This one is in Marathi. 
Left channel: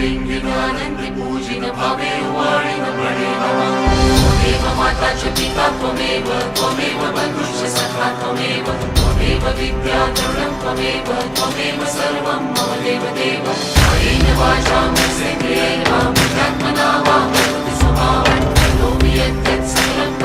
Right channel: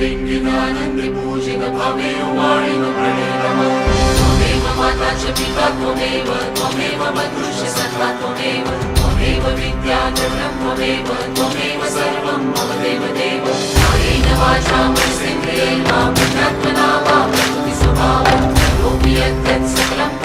लिंगिनानन्दि पूजित भावे वाणिन प्रणे नमः त्वमेव माता च पिता त्वमेव बन्धुश्च सखा त्वमेव विद्या द्रव्यं त्वमेव सर्वं मम देवदेव कायेन वाचा मनसेन्द्रियेण बुद्ध्यात्मना वा प्रकृतिस्वभावं करोमि यत् सकलं